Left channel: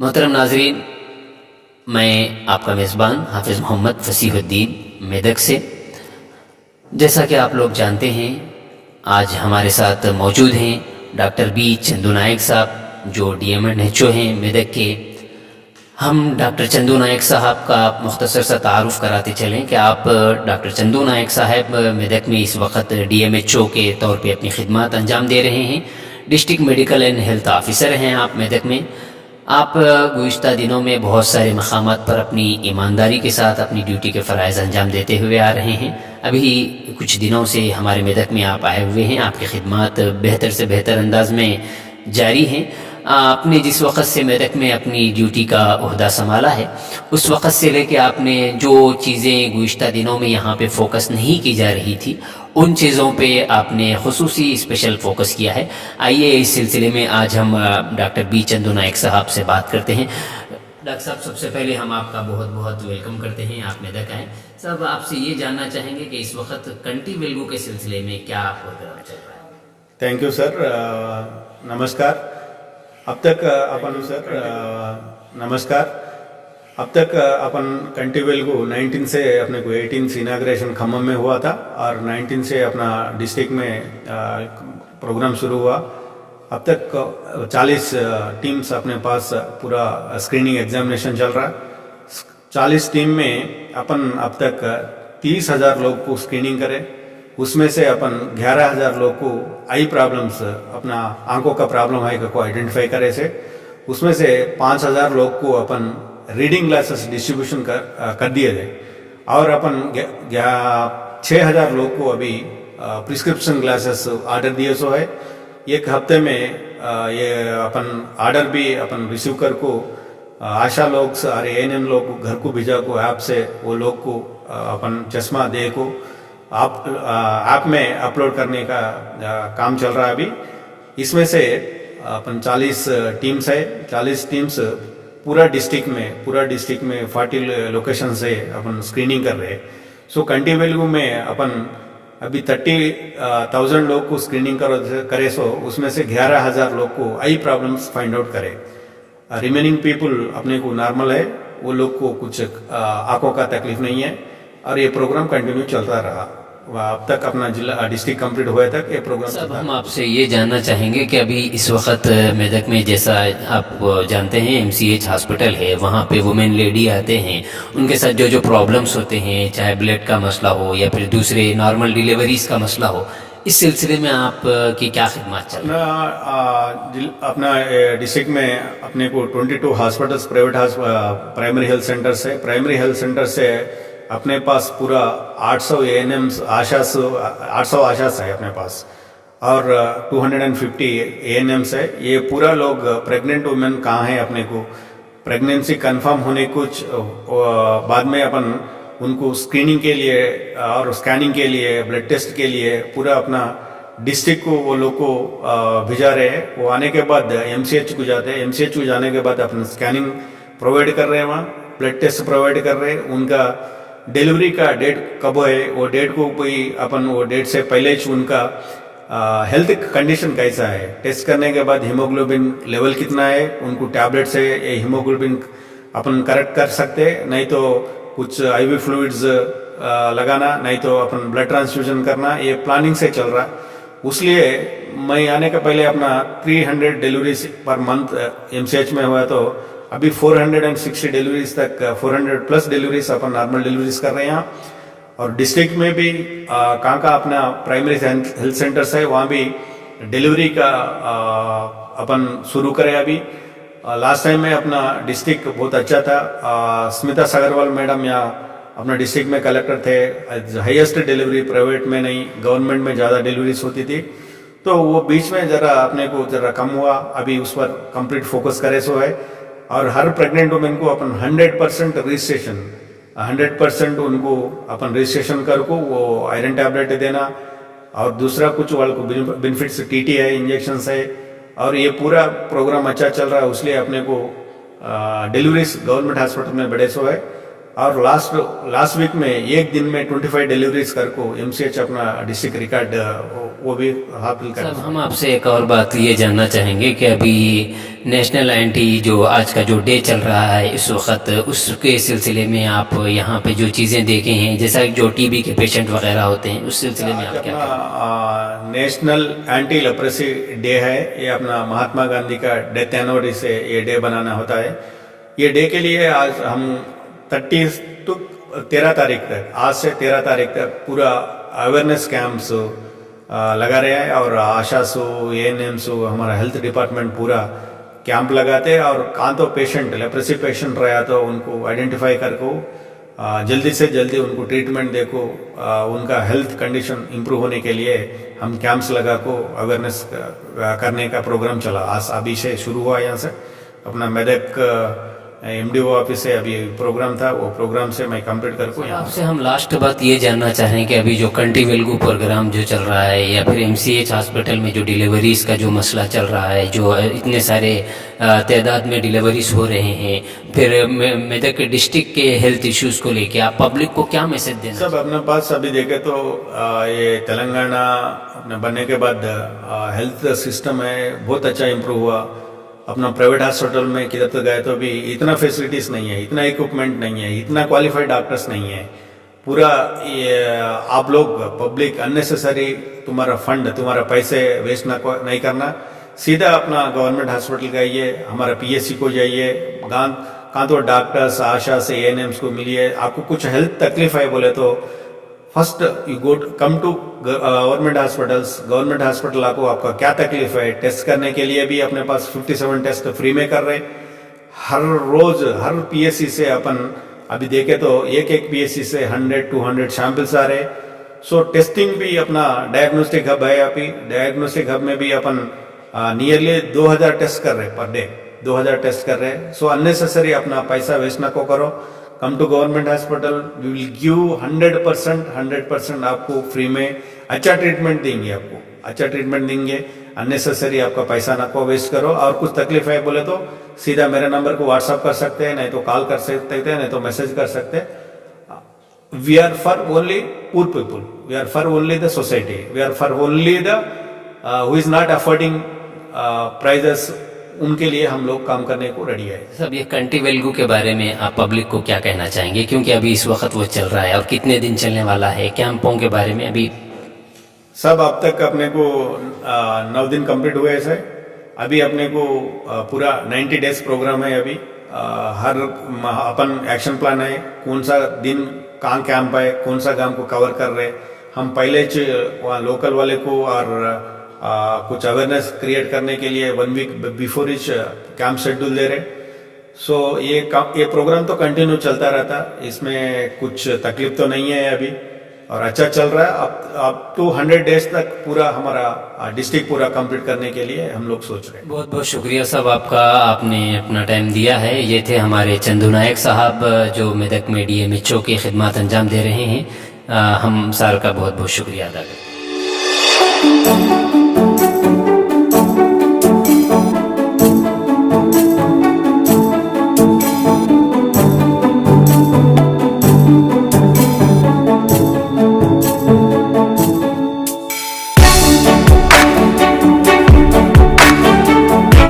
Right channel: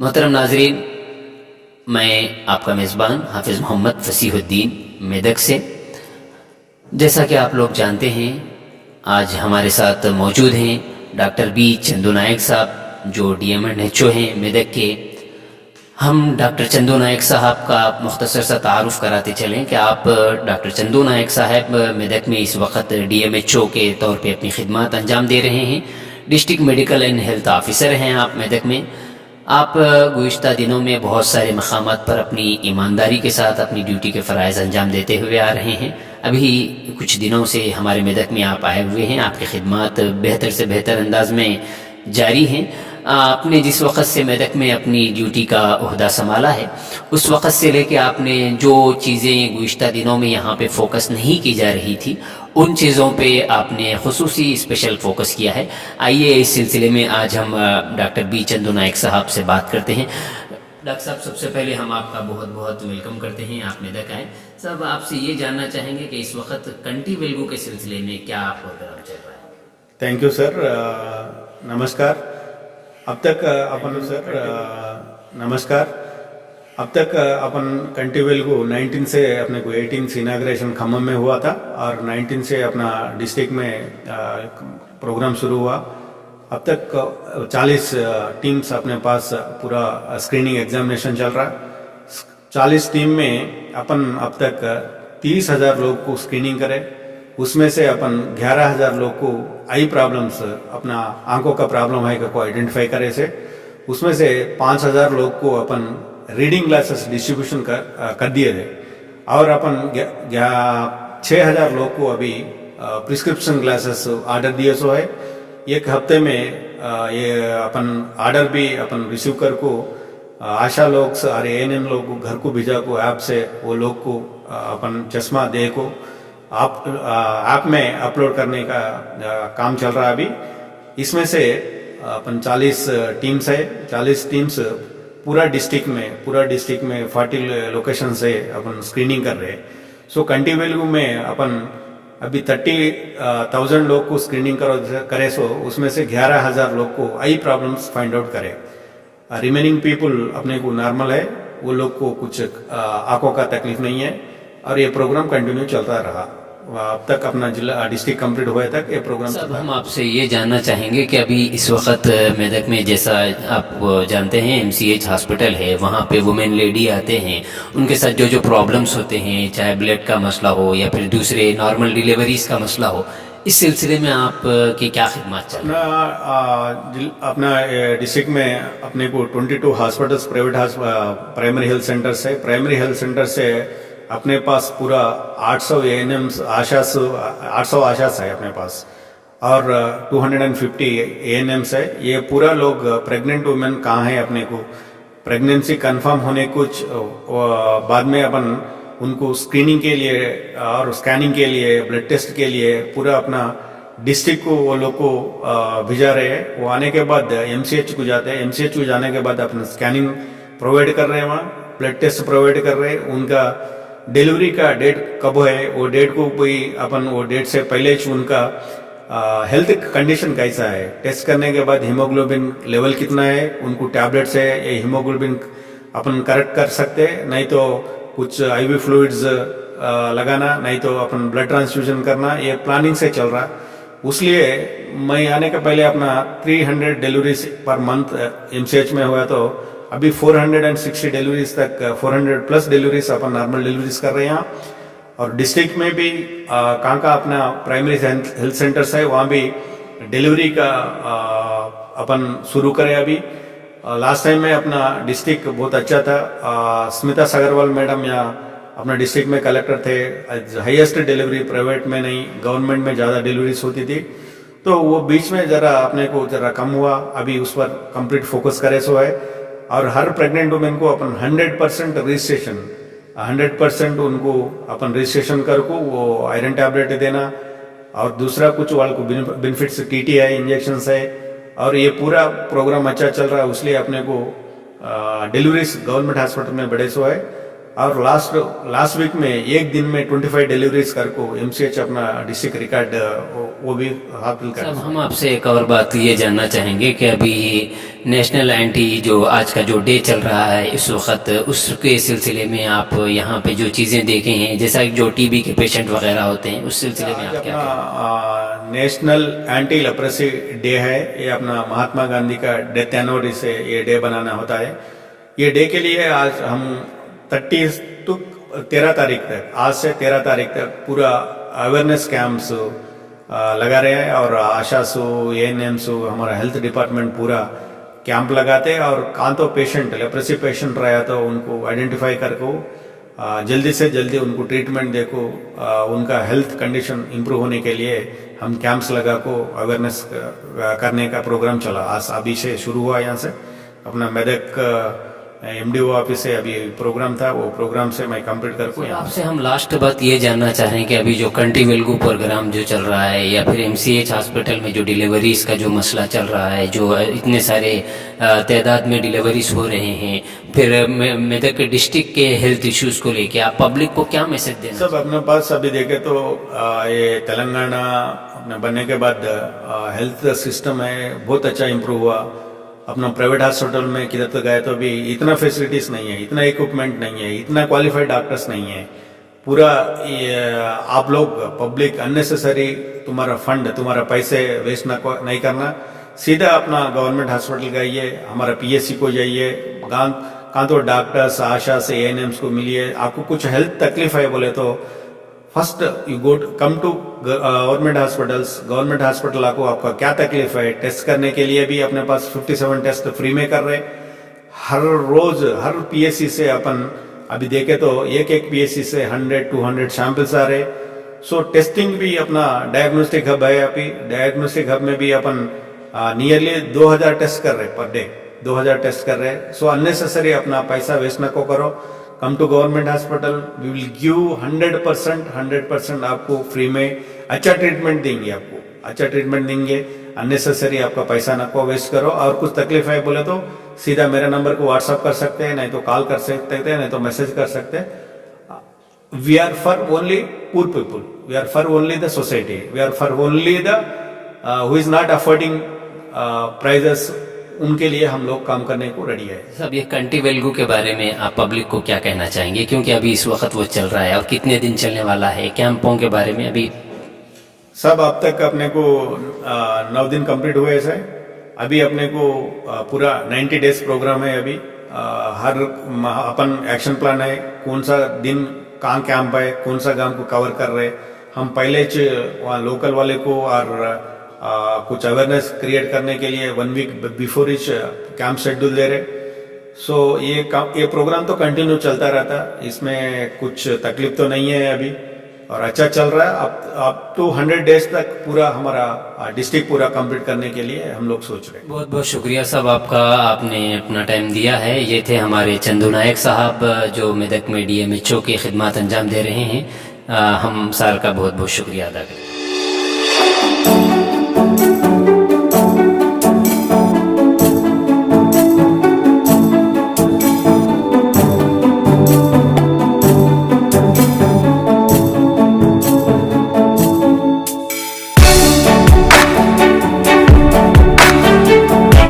मोहतरम नाजरीन, मैं आपका मेज़बान हाफिज़ मोहम्मद फ़सीहुद्दीन मेदक से। जैसा कि आप लोग जानते हैं, आज हमारे साथ मौजूद हैं डॉक्टर बी चंदू नायक साहब, जो DMNHO हैं मेदक के। हम डॉक्टर चंदू नायक साहब का मुख्तसर सा तारुफ़ कराते चलें कि आप डॉक्टर चंदू नायक साहब मेदक में इस वक्त DMHO के तौर पे अपनी खिदमत अंजाम दे रहे हैं। District medical and health officer हैं आप मेदक में। आप गुज़िश्ता दिनों में बहुत सारे मकामात पर अपनी ईमानदारी के साथ अपनी ड्यूटी के फ़राइज़ अंजाम देते हुए आ रहे हैं। अभी कुछ दिनों से हमारे मेदक में आप आए हुए हैं। आपकी खिदमत बेहतर से बेहतर अंदाज में जारी हैं। आपने जिस वक़्त से मेदक में अपनी ड्यूटी का ओहदा संभाला है, उस वक़्त से लेके आपने जो चीज़ें गुज़िश्ता दिनों में यहाँ पे फोकस नहीं की जा रही थी, उन चीज़ों पे आपने खुसूसी स्पेशल फोकस किया है। आइए इस सिलसिले में आज हम डॉक्टर बी चंदू नायक साहब से बात करते हैं। डॉक्टर साहब, सबसे पहले हम आपका बहुत बहुत वेलकम करते हैं, आप मेदक आएँ। साहब, आपसे ये जानना चाहेंगे कि इस वक्त कंटी वेल्गू के सिलसिले में क्या प्रोग्राम चल रहा है? Thank you sir. नमस्कार। अब तक अपन कंटी वेल्गू 19 से अपने को 18 से इनाग्रेशन खम्मम में हुआ था और 19 से अपना डिस्ट्रिक्ट में प्रोग्राम शुरू हुआ। अब तक 40 टीम्स अपने पास पूरा स्क्रीनिंग एग्जामिनेशन चल रहा है। 40 टीम में अपन अब तक 30,000 लोग को स्क्रीनिंग करे। उसमें से अपन 11,000 लोग को आई प्रॉब्लम्स, अपना आंखों का प्रॉब्लम है को आइडेंटिफाई करे से। उसमें से 5,000 लोग को अपन रीडिंग ग्लासेस डिस्ट्रीब्यूशन कर दिए थे और अपन 6,000 लोग को अभी प्रिस्क्रिप्शन ग्लासेस ऑर्डर दिए सो है। एक हफ्ते में ये अपन ऑर्डर भी अपन रिसीव कर को आशा लोग और ANM लोग को घर को भेजा को ऐप से वो लोग को अपन चश्मा दे को आप ऐप में अपलोड करने का काम चल रहा है अभी। इसमें से अपन 40 टीम्स है। 40 टीम्स पूरा डिस्ट्रिक्ट में 40 लोकेशन से अपन स्क्रीनिंग कर रहे हैं। सो कंटी वेल्गू में अपन अभी 30,000 लोग को स्क्रीनिंग करे सो उसमें से 11,000 लोग को आई प्रॉब्लम्स फाइंड आउट करे। रिमेनिंग पीपल अपने को नॉर्मल है, वो लोग को कुछ आंखों का तकलीफ नहीं है और ये प्रोग्राम कंटिन्यू चलता रहा। अब तक अपना जिला डिस्ट्रिक्ट कंप्लीट हुए तक ये प्रोग्राम चलता। हम आपसे ये जानना चाहेंगे कि अभी इस वक्त मेदक में, जैसा आप जानते हैं, MCH हॉस्पिटल है, वहाँ पे वुमेन लेडी आते हैं, उनके साथ जो जो प्रॉब्लम्स होते हैं, चाहे ब्लड का मसला हो या फिर दूसरे नॉर्मल डिलीवरीज का मसला हो, इस सिलसिले में आप की क्या खिदमत चल रही है? अपना डिस्ट्रिक्ट में अपने को 22 hospitals private primary health centres है। प्राइमरी हेल्थ सेंटर से अपने पास पूरा 800 ANMs 800 आशास है अपने पास और 250 ANMs है। ये पूरा लोग प्रेग्नेंट वुमेन कहाँ है, अपने को प्रेगनेंसी कंफर्म होने कुछ बाद में अपन उनको स्क्रीनिंग के लिए और स्कैनिंग के लिए, ब्लड टेस्ट के लिए पूरा अपना डिस्ट्रिक्ट को वो लोग को भिजा रहे हैं। वो आने के बाद MCH को जाते हैं। MCH को जाने के बाद अपन स्कैनिंग प्रोवाइड कर रहे हैं, वहाँ ब्लड टेस्ट प्रोवाइड कर रहे हैं। उनका डिलीवरी का डेट कब है, वो डेट को कोई अपन वो डेट से पहले ही उनका हेल्थ कंडीशन कैसा है टेस्ट करने के बाद हीमोग्लोबिन लेवल कितना है, उनको टैबलेट से ये हीमोग्लोबिन अपन करेक्ट कर सकते, नहीं तो कुछ IV फ्लूइड्स लगाना, नहीं तो अपन ब्लड ट्रांसफ्यूजन करना। ये प्लानिंग से चल रहा। उसलिए मैं आने के पहले अपना 300 डिलीवरीज पर मंथ MCH में हुआ, तो अभी 460 डिलीवरीज तक 400 प्लस डिलीवरीज अपन नॉर्मल डिलीवरीज कर रहे हैं यहाँ। और डिस्ट्रिक्ट में भी कहाँ का अपना प्राइमरी हेल्थ सेंटर्स है, वहाँ भी डिलीवरी का अपन शुरू करें अभी। लास्ट टाइम में अपना डिस्ट्रिक्ट बहुत अच्छा था। स्मिता सागरवाल मैडम यहाँ अपना डिस्ट्रिक्ट में कलेक्टर थे। हाईएस्ट डिलीवरी प्राइवेट में नहीं, गवर्नमेंट में ज़्यादा डिलीवरीज होती थी। तो वो बीच में ज़रा अपने को ज़रा कम हुआ, अभी उस पर कंप्लीट फोकस करे सो है। और हर प्रेग्नेंट वुमेन को अपन 100% रजिस्ट्रेशन, 100% उनको अपन रजिस्ट्रेशन कर को वो आयरन टैबलेट देना और दूसरा कुछ वाल को बेनिफिट्स TT है, इंजेक्शन है। और ये पूरा प्रोग्राम अच्छा चल रहा है। इसलिए अपने को डिलीवरीज गवर्नमेंट हॉस्पिटल में बड़े सो है और लास्ट वीक में एक दिन में 25 डिलीवरीज कर को MCH अपना डिस्ट्रिक्ट रिकॉर्ड वो भी हासिल कर। साहब हम आपसे एक और बात ये जानना चाहेंगे कि अभी नेशनल एंटी जो आज का जो डे चल रहा है इस वक्त, उसके सिलसिले में आप यहाँ पे जो चीज़ें देखे हैं, जैसा कि जो टीबी के पेशेंट वगैरह होते हैं, उस सिलसिले में आप क्या अपना नेशनल एंटी लेप्रेसी डे है। ये अपना महात्मा गांधी का डेथ एनिवर्सरी से ये डे बनाना होता है। ये डे के लिए आज हम 30 to 13 तारीख तक, आज से 13 तारीख तक पूरा अवेयरनेस कैंप्स लगा रहे हैं और आशासु ANMs हमारा हेल्थ डिपार्टमेंट पूरा कैंप लगाते हैं और कहाँ तो पेशेंट लेप्रेसी पेशेंट रहा तो उनको आइडेंटिफाई करको जल्दी से जल्दी उनको ट्रीटमेंट देखो, उनका हेल्थ कंडीशन इम्प्रूव होने के लिए हम कैंप्स लगा को अवेयरनेस करने का प्रोग्राम चला। आज अभी से शुरू हुआ। यहाँ से अपना मेदक MDO ऑफिस से अभी प्रोग्राम था, वो प्रोग्राम से मैं कंप्लीट करको यहाँ। आपसे हम लास्ट बात ये जानना चाह रहे हैं कि अभी जो कंटी वेल्गू प्रोग्राम जो चल रहा है या फिर MCH हॉस्पिटल में जो डिलीवरीज का जो मसला चल रहा है, जो इतने सारे तादाद में डिलीवरीज हो रहे हैं, फिर मेदक डिस्ट्रिक्ट के हेल्थ इश्यूज को लेके आप पब्लिक को क्या मैसेज देना? सब अपने पास अभी देखे तो ये तेलंगाना अपने बनने के बाद हेल्थ सिस्टम है बहुत अच्छा इम्प्रूव हुआ। अपना प्राइवेट हॉस्पिटल में किधर तो गए तो अभी इतना फैसिलिटीज़ नहीं है, इतना इक्विपमेंट नहीं है, इतना क्वालिफाइड डॉक्टर्स नहीं है। पूरा ये आप लोग पब्लिक अननेसेसरी तुम्हारा फंड, तुम्हारा पैसे वेस्ट नहीं करना, सीधा अपना गवर्नमेंट हॉस्पिटल जाइए, हमारा PSC को जाइए, कहाँ तो डॉक्टर्स आशा से ANMs को मिलिए। आपको कुछ हेल्थ तकलीफ है बोले तो first you go come to government hospitals. Government hospital आपका क्या तकलीफ है टेस्ट करने के लिए भी अपने पास 57 टेस्ट फ्री में कर रहे। हर रोज हर PSC से अपन अभी देखे तो एक PSC से 100-200 सैंपल्स आ रहे। सो टेस्टिंग भी अपना डायग्नोस्टिक हब है। अभी डायग्नोस्टिक हब में भी अपन नियरली 2000 टेस्ट कर रहे पर डे, 2000 टेस्ट कर रहे। सो अननेसेसरी अपना पैसा वेस्ट ना को करो। Come to government hospital, we will give 100% आपको फ्री में अच्छा ट्रीटमेंट देंगे। आपको अच्छा ट्रीटमेंट देंगे, अननेसेसरी आपका पैसा ना को वेस्ट करो। और कुछ तकलीफ है बोले तो सीधा मेरे नंबर को व्हाट्सअप कर सकते हैं, नहीं तो कॉल कर सकते हैं, नहीं तो मैसेज कर सकते हैं। We are for only poor people, we are for only the society, we are for only the who is not affording prices, उनके लिए हम लोग काम करने को रेडी है। सब ये कंटी वेल्गू के बारे में आप पब्लिक को क्या कहना चाहेंगे, क्योंकि अभी इस वक्त वो चल रहा है और कितने दिन चलने वाला है? कैंपों के बारे में अभी सब अब तक अपने को 9 दिन कंप्लीट हुए हैं। अभी अपने को पूरा 90 डेज प्रोग्राम है। अभी हर अपन एक्शन प्लान है, कौन सा दिन कहाँ कैंप है, कौन सा गांव को कवर कर रहे। हम पहले वहाँ लोकल वाले को और कुछ अवेयरनेस क्रिएट करने के लिए 1 week before each camp schedule दे रहे। सो ये प्रोग्राम तो कंटिन्यू चलता रहता, इसमें कुछ तकलीफ तो नहीं है अभी और अच्छा चल रहा है। अब टू 100 डेज तक पूरा हमारा डिस्ट्रिक्ट पूरा कंप्लीट करने के लिए हम लोग सोच रहे हैं। बहुत बहुत शुक्रिया साहब आपका, आपने अपना टाइम दिया है। ये थे हमारे चंदू नायक साहब जो मेदक में DMHO की खिदमत अंजाम दे रहे हैं। हम सार का बहुत बहुत शुक्रिया अदा करें।